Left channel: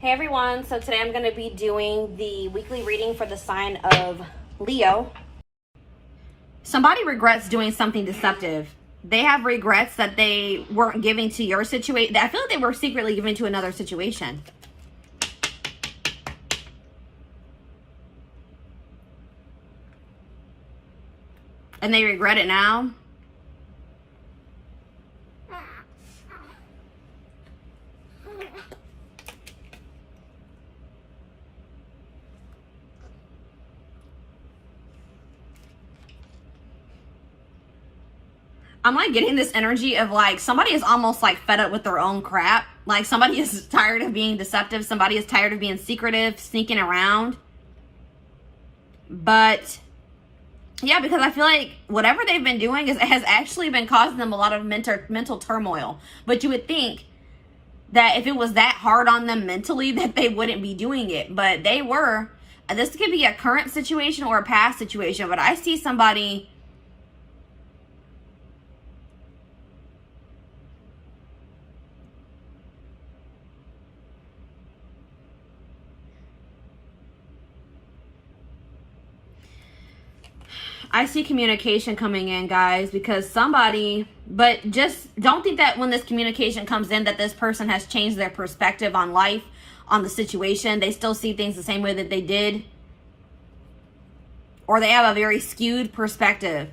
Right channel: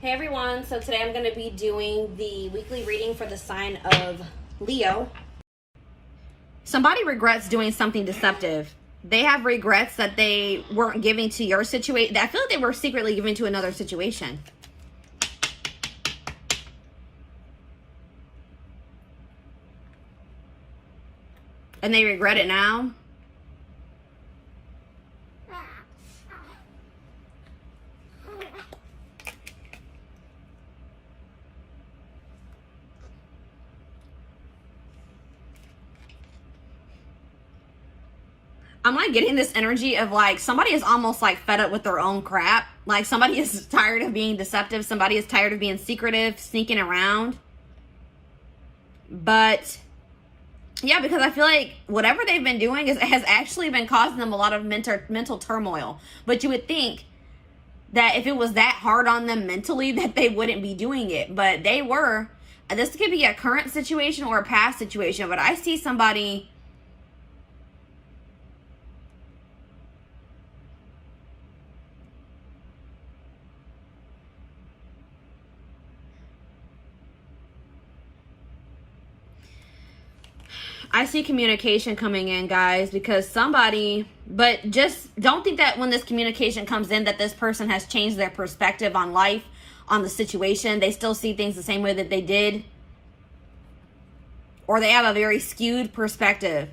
Hey everyone, so today I'm going to be doing the weekly reading for the sign of Leo. Somebody regrets doing something deceptive. They have regrets that they weren't giving to your situation. I feel like they were secretly giving to another situation. And they regret it now. I'm like getting this energy of like somebody is almost like fed up with their own crap. Like somebody is tired of being deceptive. Somebody is tired of being secretive, sneaking around. But yeah, because I feel like whatever they've been doing has actually been causing them a lot of mental turmoil. But you would think that if it was that hard on them mentally that they wouldn't be doing it. But they were. And this could be a current situation or a past situation. But I see somebody... I see communication coming in, guys, because somebody, but just don't think that when this communication comes in that this person has changed their perspective on life, on the situation. They still see things the same way that they did. Or they have a very skewed perspective.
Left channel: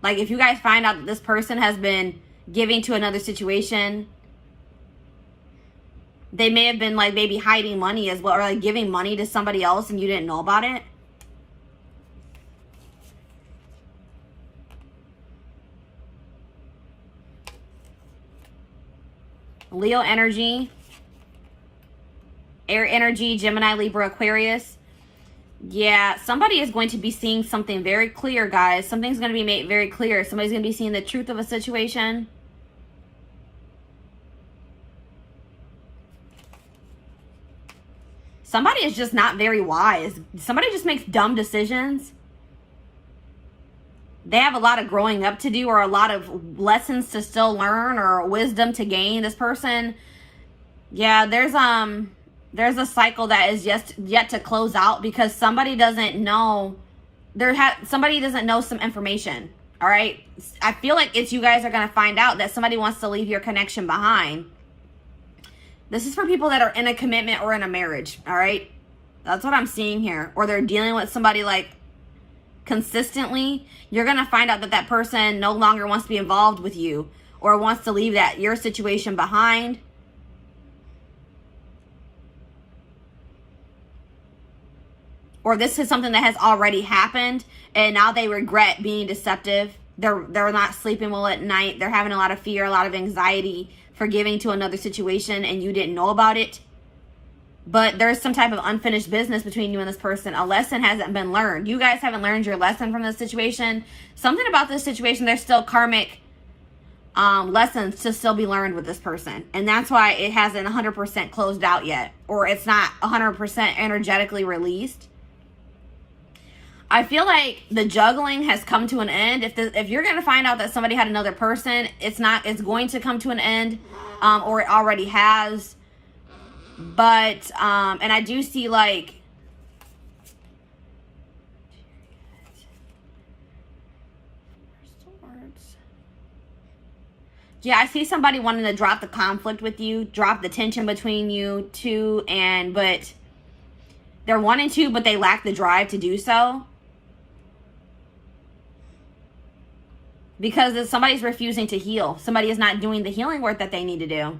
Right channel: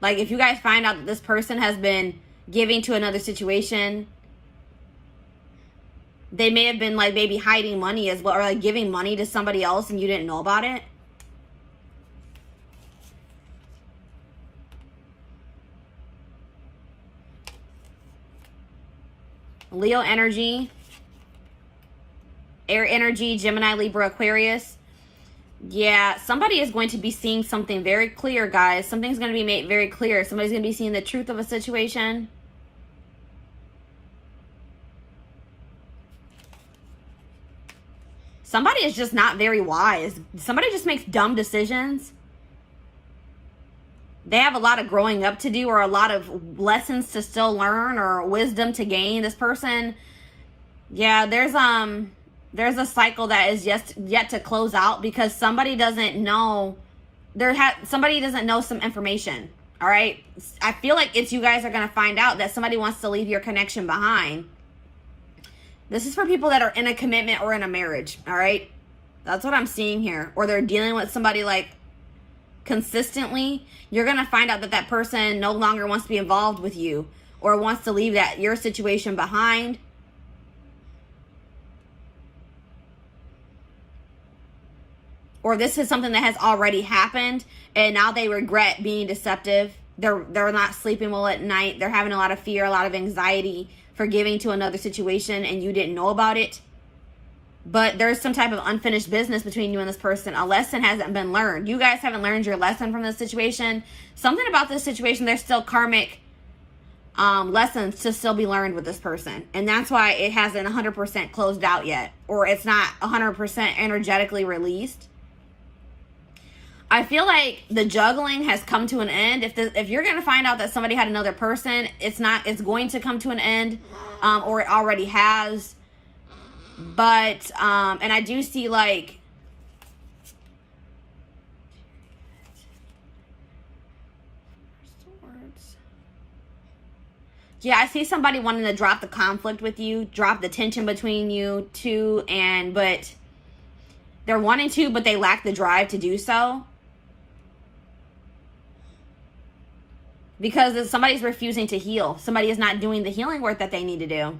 Like if you guys find out that this person has been giving to another situation, they may have been like maybe hiding money as well, or like giving money to somebody else and you didn't know about it. Leo energy, air energy, Gemini, Libra, Aquarius. Yeah, somebody is going to be seeing something very clear, guys. Something's going to be made very clear. Somebody's going to be seeing the truth of a situation. Somebody is just not very wise. Somebody just makes dumb decisions. They have a lot of growing up to do, or a lot of lessons to still learn, or wisdom to gain. This person, yeah, there's a cycle that is yet to close out because somebody doesn't know. Somebody doesn't know some information. All right, I feel like it's you guys are gonna find out that somebody wants to leave your connection behind. This is for people that are in a commitment or in a marriage. All right, that's what I'm seeing here. Or they're dealing with somebody like consistently. You're going to find out that that person no longer wants to be involved with you or wants to leave your situation behind. Or this is something that has already happened and now they regret being deceptive. They're not sleeping well at night. They're having a lot of fear, a lot of anxiety for giving to another situation and you didn't know about it. But there's some type of unfinished business between you and this person. A lesson hasn't been learned. You guys haven't learned your lesson from this situation. Something about this situation, there's still karmic lessons to still be learned with this person. And that's why it hasn't 100% closed out yet. Or it's not 100% energetically released. I feel like the juggling has come to an end. If you're going to find out that somebody had another person, it's going to come to an end. Or it already has. But, and I do see like, yeah, I see somebody wanting to drop the conflict with you, drop the tension between you two, but they're wanting to, but they lack the drive to do so. Because somebody's refusing to heal. Somebody is not doing the healing work that they need to do.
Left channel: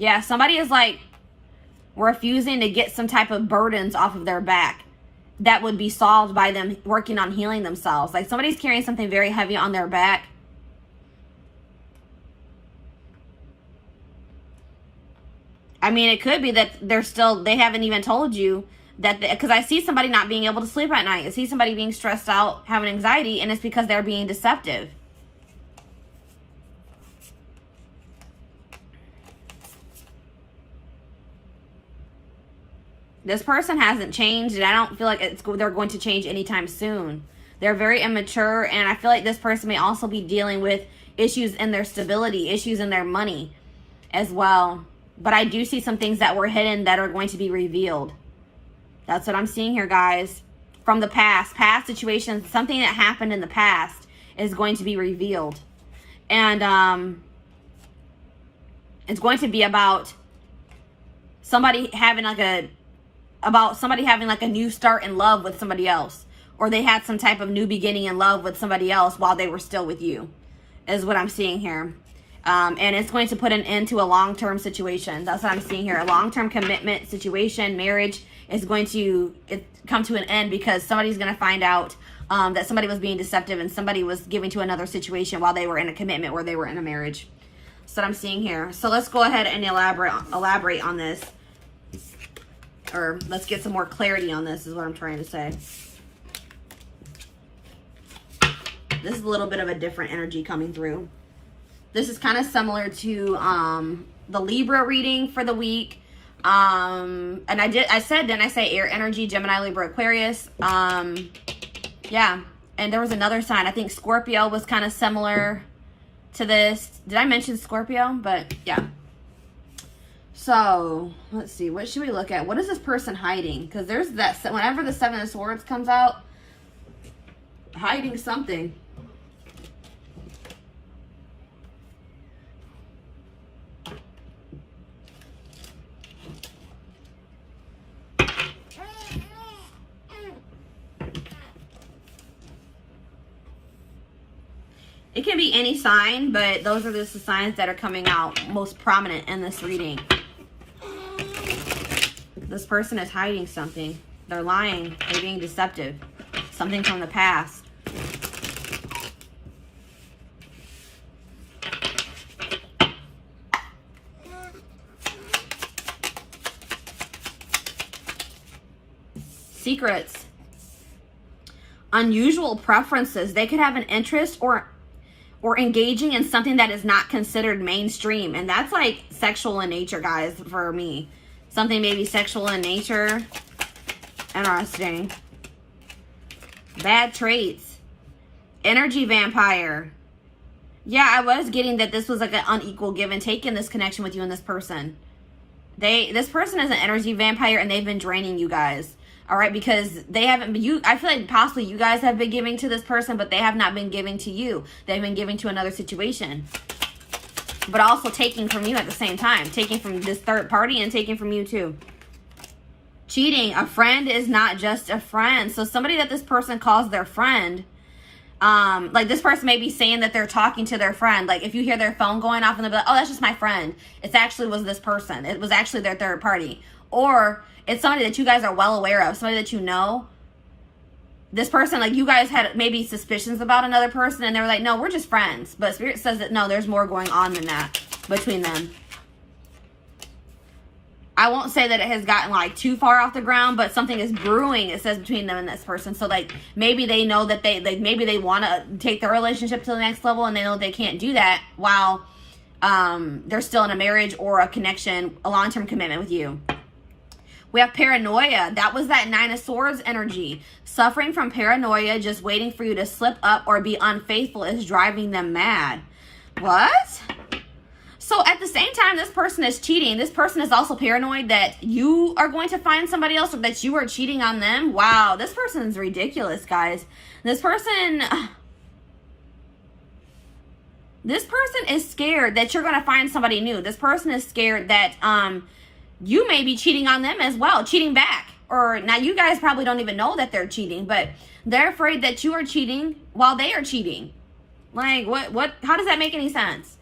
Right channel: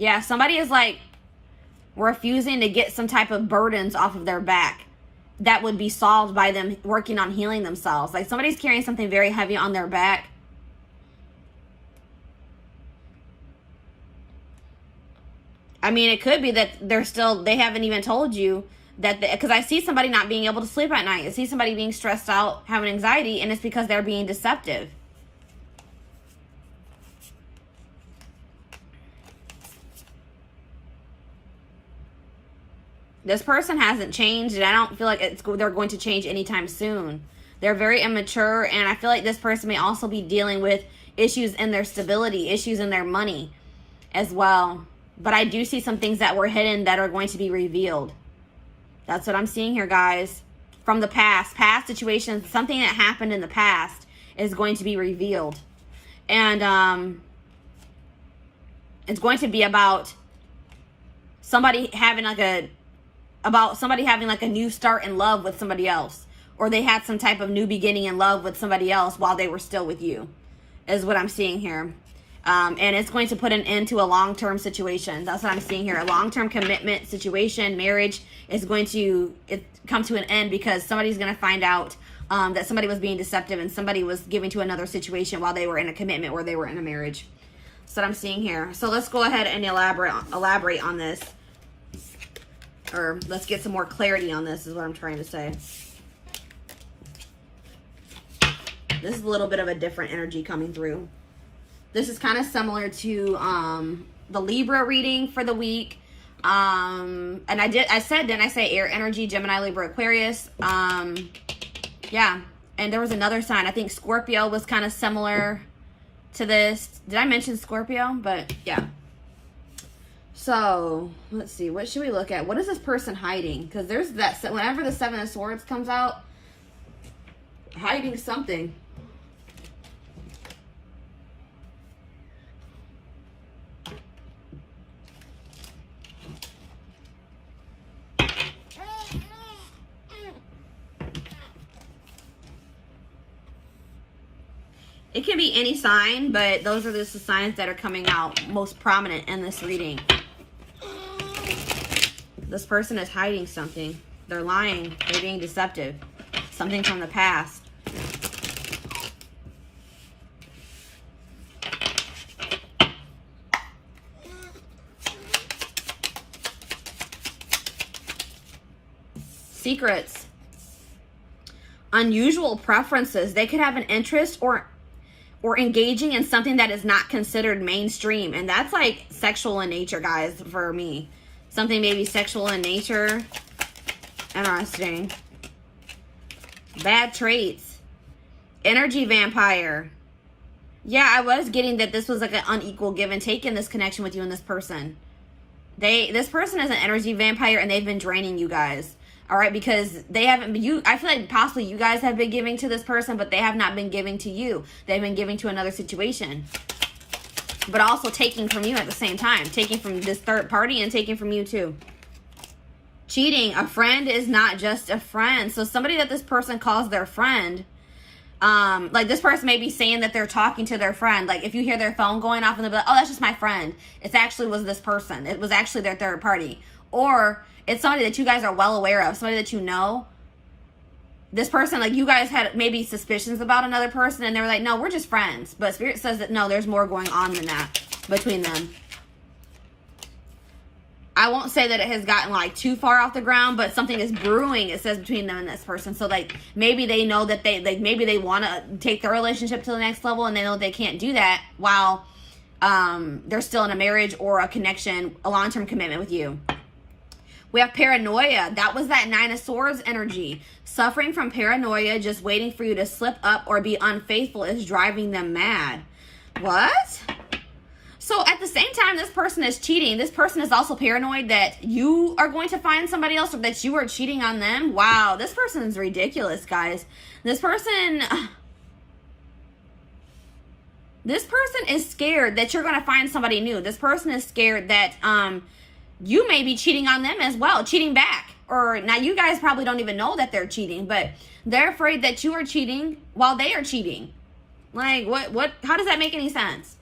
Yeah, somebody is like refusing to get some type of burdens off of their back that would be solved by them working on healing themselves. Like somebody's carrying something very heavy on their back. I mean, it could be that they haven't even told you that, because I see somebody not being able to sleep at night. I see somebody being stressed out, having anxiety, and it's because they're being deceptive. This person hasn't changed, and I don't feel like they're going to change anytime soon. They're very immature, and I feel like this person may also be dealing with issues in their stability, issues in their money as well. But I do see some things that were hidden that are going to be revealed. That's what I'm seeing here, guys. From the past situations, something that happened in the past is going to be revealed. And it's going to be about somebody having like a new start in love with somebody else, or they had some type of new beginning in love with somebody else while they were still with you, is what I'm seeing here. And it's going to put an end to a long-term situation. That's what I'm seeing here. A long-term commitment situation, marriage is going to come to an end because somebody's going to find out that somebody was being deceptive and somebody was giving to another situation while they were in a commitment or they were in a marriage. That's what I'm seeing here. So let's go ahead and elaborate on this. Or let's get some more clarity on this is what I'm trying to say. This is a little bit of a different energy coming through. This is kind of similar to the Libra reading for the week. And I said air energy, Gemini, Libra, Aquarius. Yeah. And there was another sign. I think Scorpio was kind of similar to this. Did I mention Scorpio? But yeah. So let's see. What should we look at? What is this person hiding? Because there's that, whenever the Seven of Swords comes out, hiding something. It can be any sign, but those are just the signs that are coming out most prominent in this reading. This person is hiding something. They're lying. They're being deceptive. Something from the past. Secrets. Unusual preferences. They could have an interest or engaging in something that is not considered mainstream. And that's like sexual in nature, guys, for me. Something maybe sexual in nature. Interesting. Bad traits. Energy vampire. Yeah, I was getting that this was like an unequal give and take in this connection with you and this person. This person is an energy vampire and they've been draining you guys. All right, because they haven't been, I feel like possibly you guys have been giving to this person, but they have not been giving to you. They've been giving to another situation. But also taking from you at the same time. Taking from this third party and taking from you too. Cheating. A friend is not just a friend. So somebody that this person calls their friend, like this person may be saying that they're talking to their friend. Like if you hear their phone going off and they'll be like, oh, that's just my friend. It actually was this person. It was actually their third party. Or it's somebody that you guys are well aware of, somebody that you know. This person, like you guys had maybe suspicions about another person and they were like, no, we're just friends. But Spirit says that no, there's more going on than that between them. I won't say that it has gotten like too far off the ground, but something is brewing, it says, between them and this person. So like maybe they know that maybe they want to take their relationship to the next level and they know they can't do that while they're still in a marriage or a connection, a long-term commitment with you. We have paranoia. That was that Nine of Swords energy. Suffering from paranoia, just waiting for you to slip up or be unfaithful is driving them mad. What? So at the same time this person is cheating, this person is also paranoid that you are going to find somebody else or that you are cheating on them. Wow, this person is ridiculous, guys. This person is scared that you're going to find somebody new. This person is scared that you may be cheating on them as well, cheating back. Or now you guys probably don't even know that they're cheating, but they're afraid that you are cheating while they are cheating. Like what how does that make any sense?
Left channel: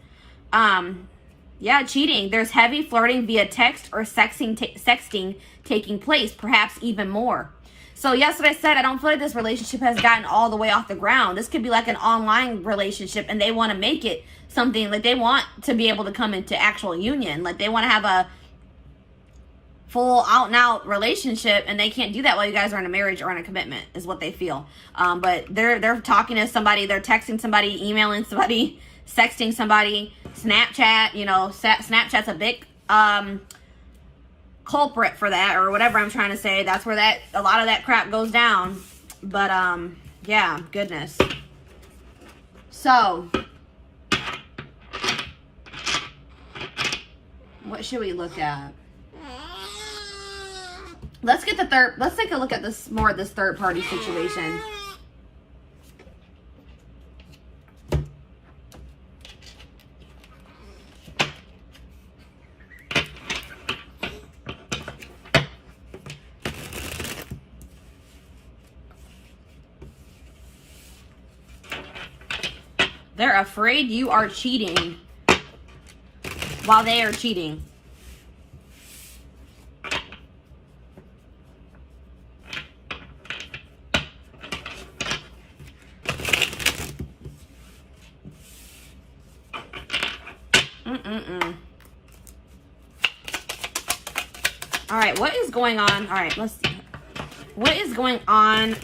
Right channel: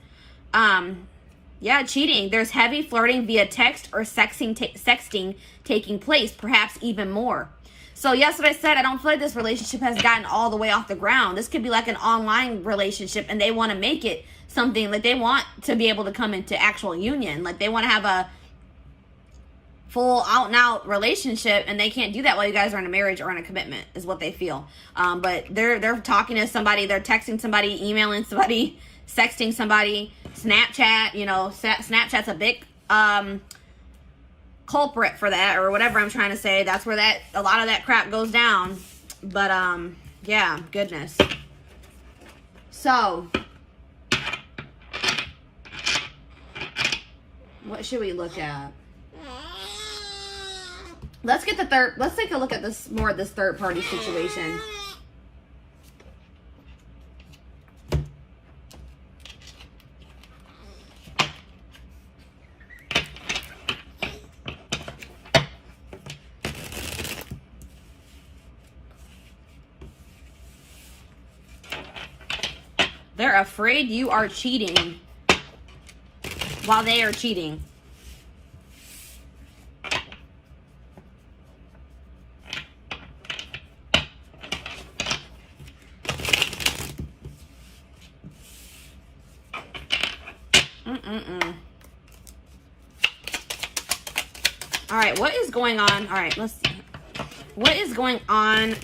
Yeah, cheating. There's heavy flirting via text or sexting taking place, perhaps even more. So yes, what I said, I don't feel like this relationship has gotten all the way off the ground. This could be like an online relationship and they want to make it something like they want to be able to come into actual union. Like they want to have a full out and out relationship and they can't do that while you guys are in a marriage or in a commitment is what they feel. But they're talking to somebody, they're texting somebody, emailing somebody, sexting somebody, Snapchat, you know, Snapchat's a big culprit for that or whatever I'm trying to say. That's where a lot of that crap goes down. But Yeah, goodness. So, what should we look at? Let's take a look at this more of this third party situation. They're afraid you are cheating while they are cheating. All right, what is going on? All right, let's see. What is going on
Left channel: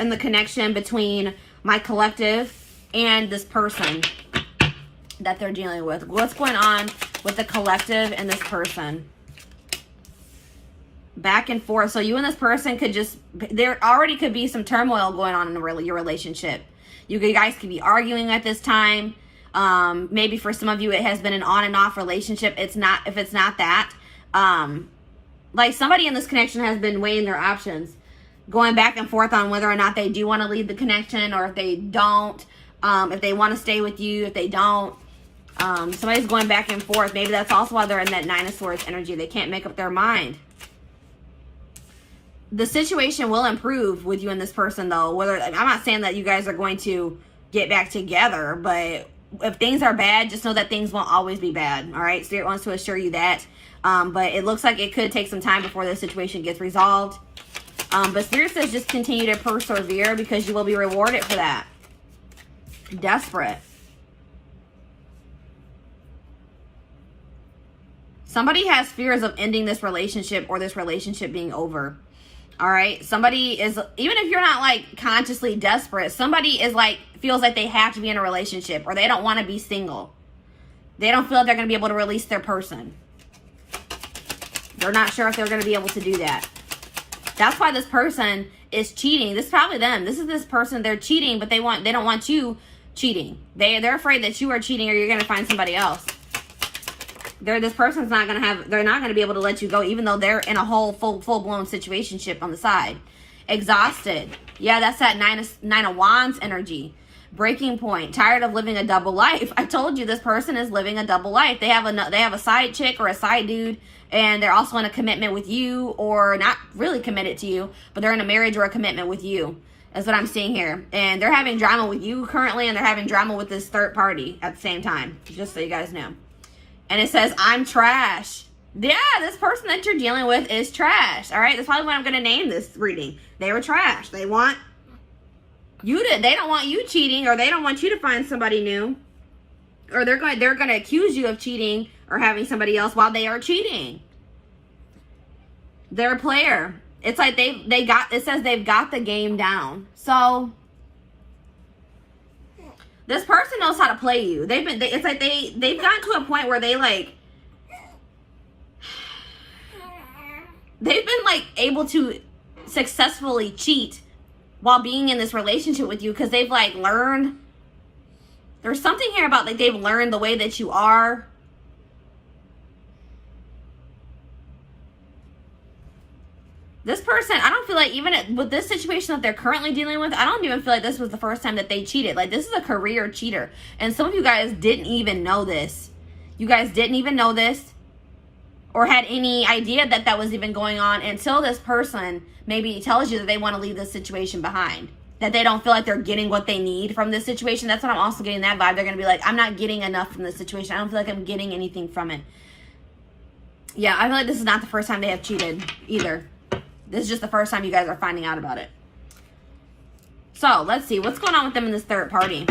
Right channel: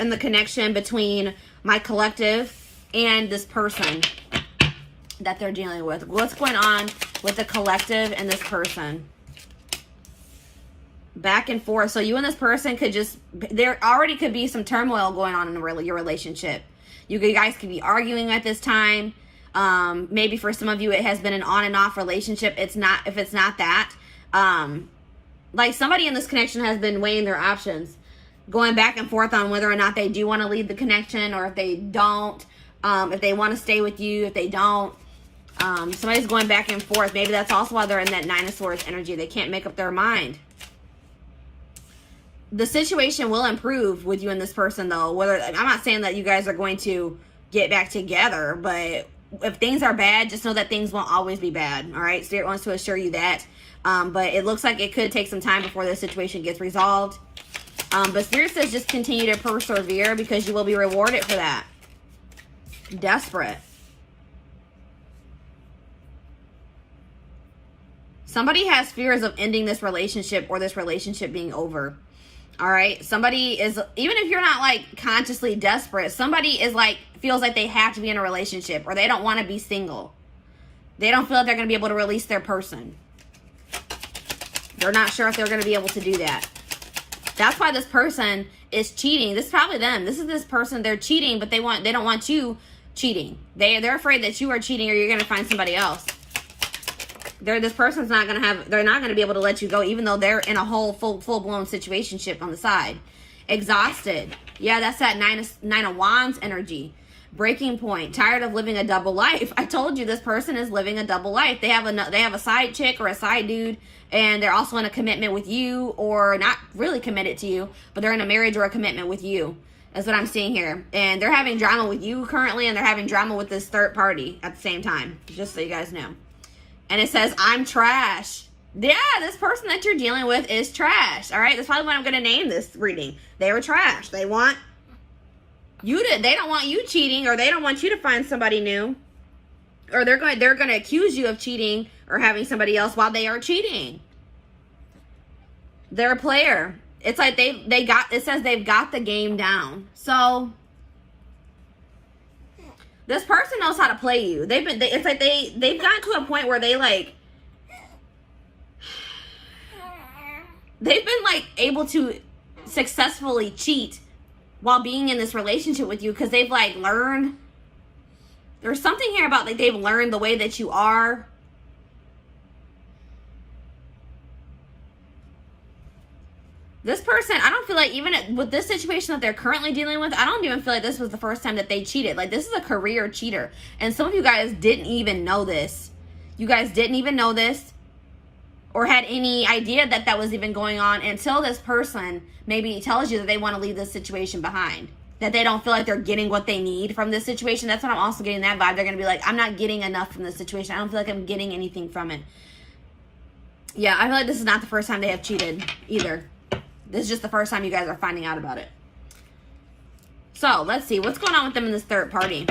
in the connection between my collective and this person that they're dealing with? What's going on with the collective and this person? Back and forth. So you and this person could just, there already could be some turmoil going on in your relationship. You guys could be arguing at this time. Maybe for some of you, it has been an on and off relationship. If it's not that, like somebody in this connection has been weighing their options, going back and forth on whether or not they do want to leave the connection, or if they don't, if they want to stay with you, if they don't. Somebody's going back and forth. Maybe that's also why they're in that Nine of Swords energy. They can't make up their mind. The situation will improve with you and this person, though. I'm not saying that you guys are going to get back together, but if things are bad, just know that things won't always be bad. All right, Spirit wants to assure you that. But it looks like it could take some time before the situation gets resolved. But Spirit says just continue to persevere, because you will be rewarded for that. Desperate. Somebody has fears of ending this relationship, or this relationship being over. All right, somebody is, even if you're not like consciously desperate, somebody is like, feels like they have to be in a relationship, or they don't want to be single. They don't feel like they're going to be able to release their person. They're not sure if they're going to be able to do that. That's why this person is cheating. This is probably them. This is this person. They're cheating, but they don't want you cheating. They're afraid that you are cheating, or you're going to find somebody else. This person's not going to have, they're not going to be able to let you go, even though they're in a whole full-blown situationship on the side. Exhausted. Yeah, that's that Nine of Wands energy. Breaking point. Tired of living a double life. I told you this person is living a double life. They have a side chick or a side dude, and they're also in a commitment with you, or not really committed to you, but they're in a marriage or a commitment with you. That's what I'm seeing here. And they're having drama with you currently, and they're having drama with this third party at the same time. Just so you guys know. And it says, I'm trash. Yeah, this person that you're dealing with is trash. All right, that's probably what I'm going to name this reading. They were trash. They want you to, they don't want you cheating, or they don't want you to find somebody new. Or they're going to accuse you of cheating or having somebody else while they are cheating. They're a player. It's like it says they've got the game down. So this person knows how to play you. It's like they've gotten to a point where they've been like able to successfully cheat while being in this relationship with you, because they've like learned. There's something here about like they've learned the way that you are. This person, I don't feel like, even with this situation that they're currently dealing with, I don't even feel like this was the first time that they cheated. Like, this is a career cheater. And some of you guys didn't even know this. You guys didn't even know this, or had any idea that that was even going on, until this person maybe tells you that they want to leave this situation behind. That they don't feel like they're getting what they need from this situation. That's what I'm also getting that vibe. They're going to be like, I'm not getting enough from this situation. I don't feel like I'm getting anything from it. Yeah, I feel like this is not the first time they have cheated either. This is just the first time you guys are finding out about it. So, let's see. What's going on with them in this third party?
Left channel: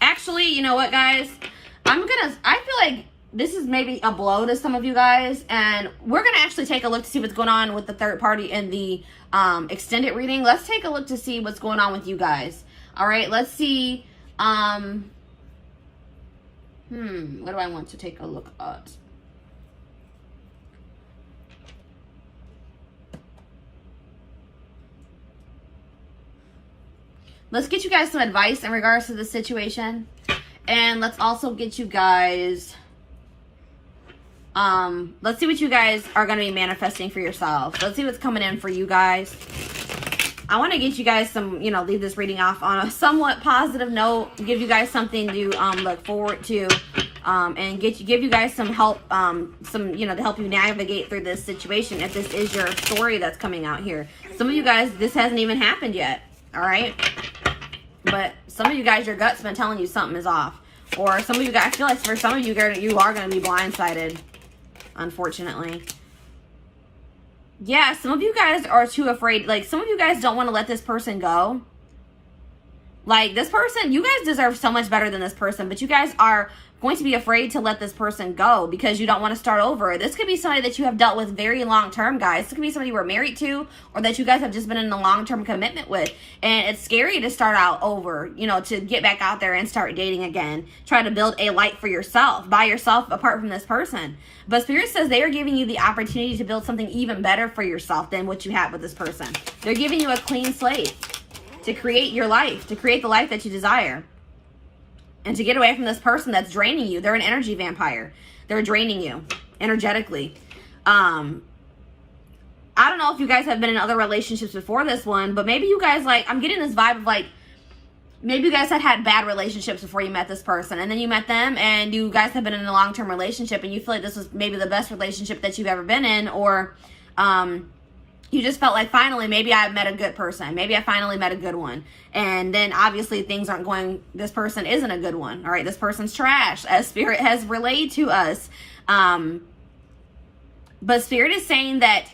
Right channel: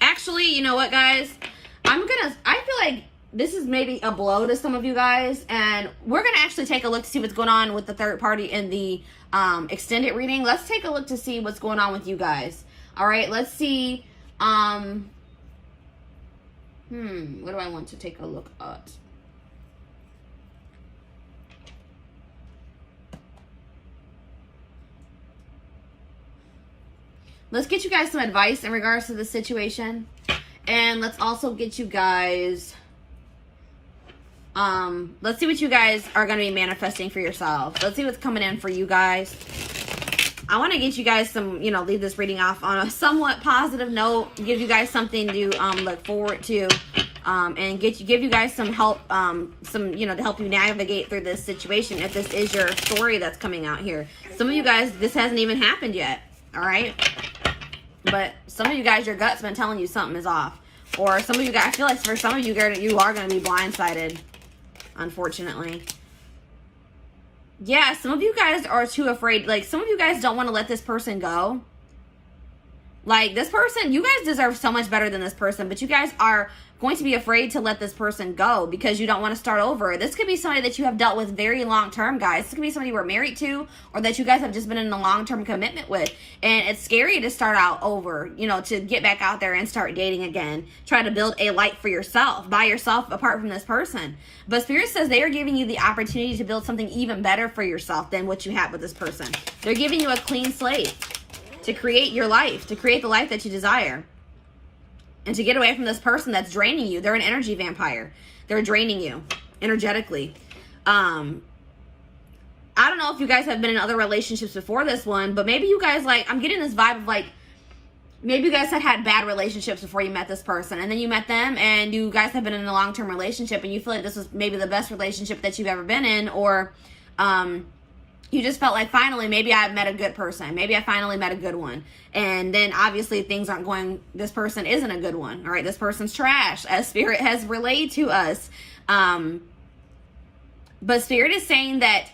Actually, you know what, guys? I feel like this is maybe a blow to some of you guys. And we're going to actually take a look to see what's going on with the third party in the extended reading. Let's take a look to see what's going on with you guys. All right, let's see. What do I want to take a look at? let's get you guys some advice in regards to the situation. And let's also get you guys, let's see what you guys are going to be manifesting for yourself. Let's see what's coming in for you guys. I want to get you guys some, you know, leave this reading off on a somewhat positive note, give you guys something to look forward to, and give you guys some help, you know, to help you navigate through this situation if this is your story that's coming out here. Some of you guys, this hasn't even happened yet, all right? But some of you guys, your gut's been telling you something is off. Or some of you guys, I feel like for some of you, you are going to be blindsided, unfortunately. Yeah, some of you guys are too afraid. Like, some of you guys don't want to let this person go. Like, this person, you guys deserve so much better than this person, but you guys are going to be afraid to let this person go because you don't want to start over. This could be somebody that you have dealt with very long term, guys. This could be somebody you were married to or that you guys have just been in a long-term commitment with. And it's scary to start out over, you know, to get back out there and start dating again. Try to build a life for yourself, by yourself, apart from this person. But Spirit says they are giving you the opportunity to build something even better for yourself than what you had with this person. They're giving you a clean slate to create your life, to create the life that you desire. And to get away from this person that's draining you. They're an energy vampire. They're draining you energetically. I don't know if you guys have been in other relationships before this one, but maybe you guys, like, I'm getting this vibe of, like, maybe you guys had bad relationships before you met this person. And then you met them and you guys have been in a long-term relationship and you feel like this was maybe the best relationship that you've ever been in. Or you just felt like, finally, maybe I met a good person. Maybe I finally met a good one. And then obviously things aren't going, this person isn't a good one. All right, this person's trash, as Spirit has relayed to us. But Spirit is saying that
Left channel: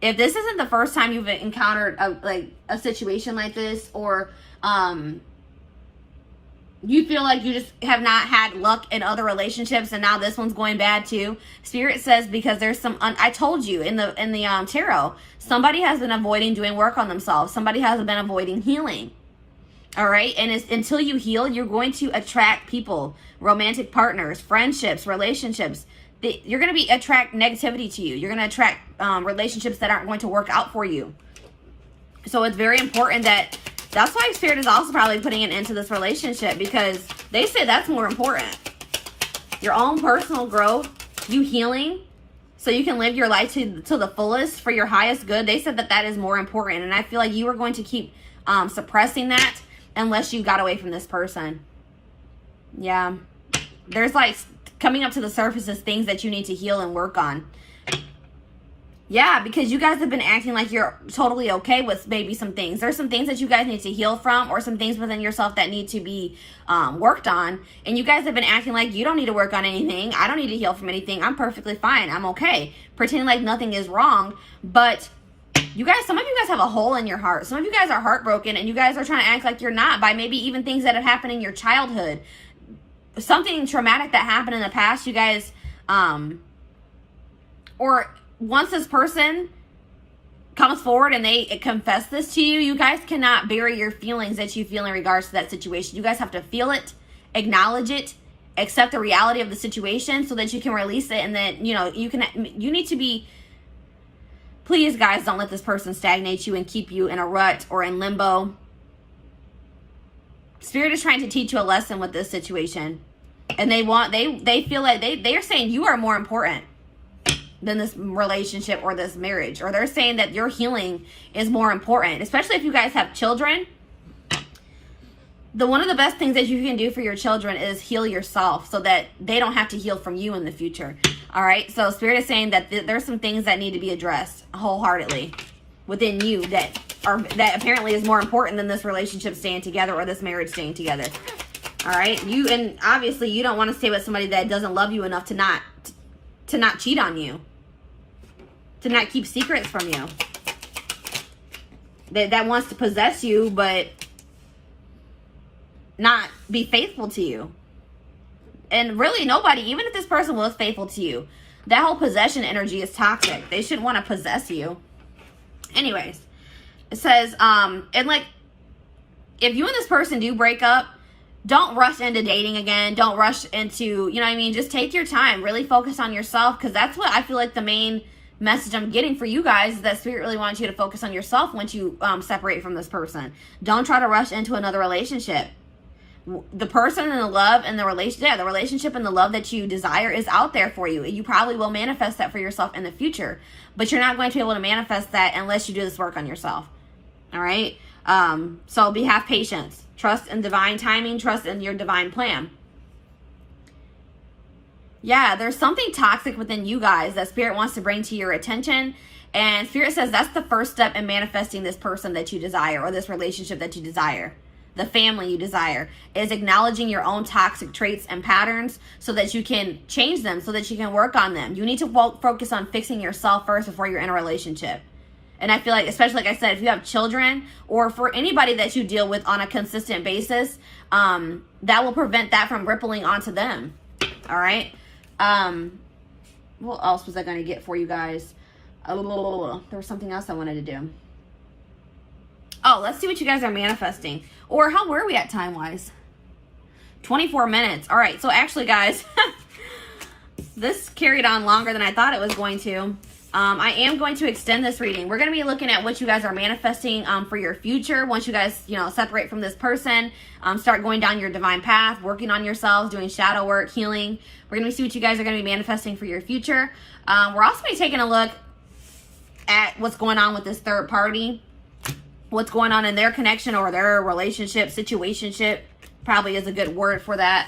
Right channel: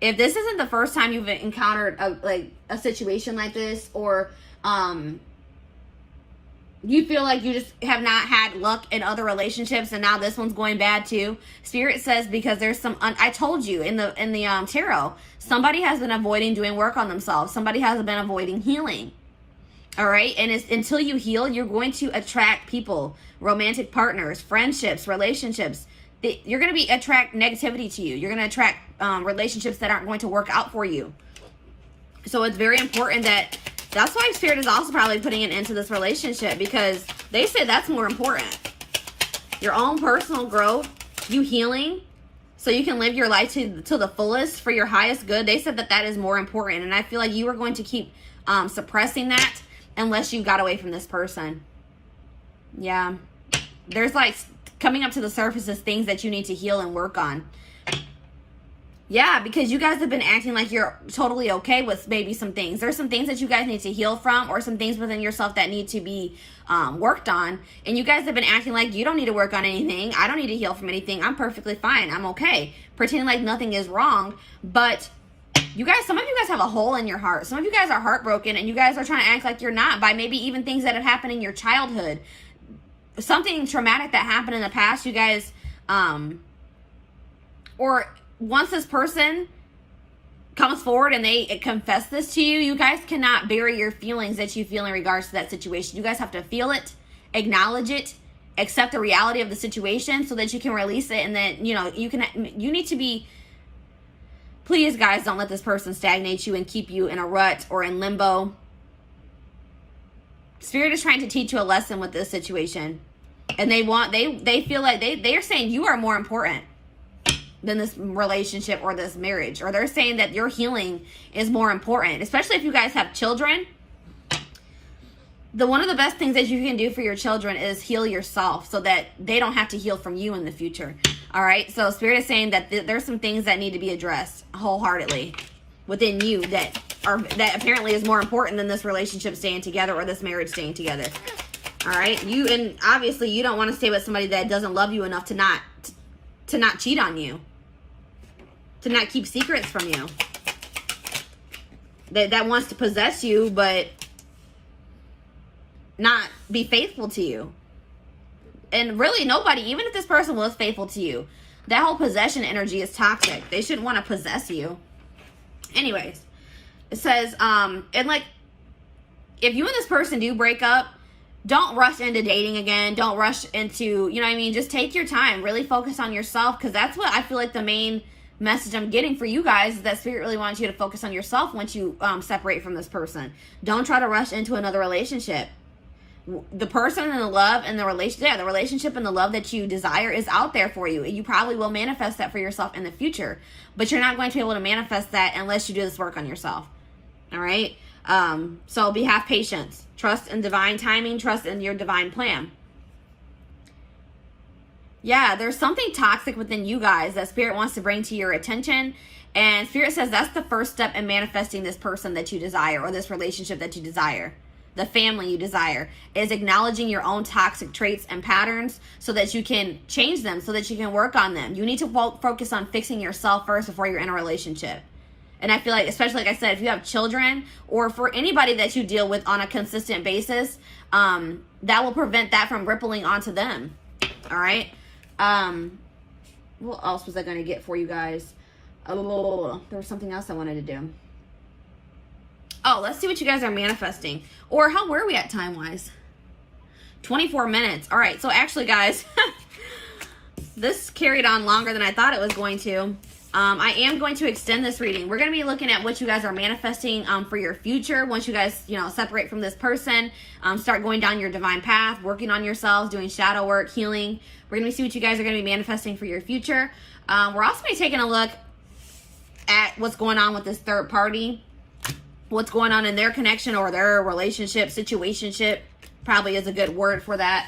if this isn't the first time you've encountered a situation like this, or you feel like you just have not had luck in other relationships and now this one's going bad too, Spirit says because there's some, I told you in the tarot, somebody has been avoiding doing work on themselves. Somebody has been avoiding healing. All right. And until you heal, you're going to attract people, romantic partners, friendships, relationships. You're going to attract negativity to you. You're going to attract relationships that aren't going to work out for you. So it's very important that's why Spirit is also probably putting an end to this relationship, because they say that's more important. Your own personal growth, you healing, so you can live your life to the fullest for your highest good. They said that is more important. And I feel like you were going to keep suppressing that unless you got away from this person. Yeah. There's like coming up to the surface is things that you need to heal and work on. Yeah, because you guys have been acting like you're totally okay with maybe some things. There's some things that you guys need to heal from, or some things within yourself that need to be worked on. And you guys have been acting like you don't need to work on anything. I don't need to heal from anything. I'm perfectly fine. I'm okay. Pretending like nothing is wrong. But you guys, some of you guys have a hole in your heart. Some of you guys are heartbroken and you guys are trying to act like you're not by maybe even things that have happened in your childhood. Something traumatic that happened in the past, you guys, or once this person comes forward and they confess this to you, you guys cannot bury your feelings that you feel in regards to that situation. You guys have to feel it, acknowledge it, accept the reality of the situation so that you can release it. And then, you know, you need to be, please guys, don't let this person stagnate you and keep you in a rut or in limbo. Spirit is trying to teach you a lesson with this situation. And they feel like they are saying you are more important than this relationship or this marriage. Or they're saying that your healing is more important, especially if you guys have children. One of the best things that you can do for your children is heal yourself so that they don't have to heal from you in the future. All right. So Spirit is saying that there's some things that need to be addressed wholeheartedly within you that apparently is more important than this relationship staying together or this marriage staying together. All right. And obviously you don't want to stay with somebody that doesn't love you enough to not cheat on you, to not keep secrets from you, that wants to possess you but not be faithful to you. And really nobody, even if this person was faithful to you, that whole possession energy is toxic. They shouldn't want to possess you. Anyways, it says, and like, if you and this person do break up, don't rush into dating again. Don't rush into, you know what I mean? Just take your time. Really focus on yourself, because that's what I feel like the main message I'm getting for you guys is that Spirit really wants you to focus on yourself once you separate from this person. Don't try to rush into another relationship. The person and the love and the relationship and the love that you desire is out there for you. You probably will manifest that for yourself in the future, but you're not going to be able to manifest that unless you do this work on yourself. All right. So have patience, trust in divine timing, trust in your divine plan. Yeah, there's something toxic within you guys that Spirit wants to bring to your attention. And Spirit says that's the first step in manifesting this person that you desire, or this relationship that you desire. The family you desire is acknowledging your own toxic traits and patterns so that you can change them, so that you can work on them. You need to focus on fixing yourself first before you're in a relationship. And I feel like, especially like I said, if you have children or for anybody that you deal with on a consistent basis, that will prevent that from rippling onto them. All right. What else was I going to get for you guys? Oh, there was something else I wanted to do. Oh, let's see what you guys are manifesting. Or how were we at time-wise? 24 minutes. All right. So actually, guys, this carried on longer than I thought it was going to. I am going to extend this reading. We're going to be looking at what you guys are manifesting for your future. Once you guys, separate from this person, start going down your divine path, working on yourselves, doing shadow work, healing. We're going to see what you guys are going to be manifesting for your future. We're also going to be taking a look at what's going on with this third party. What's going on in their connection or their relationship, situationship, probably is a good word for that.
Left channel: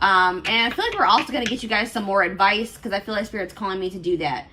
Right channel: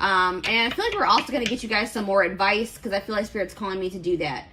And I feel like we're also going to get you guys some more advice because I feel like Spirit's calling me to do that.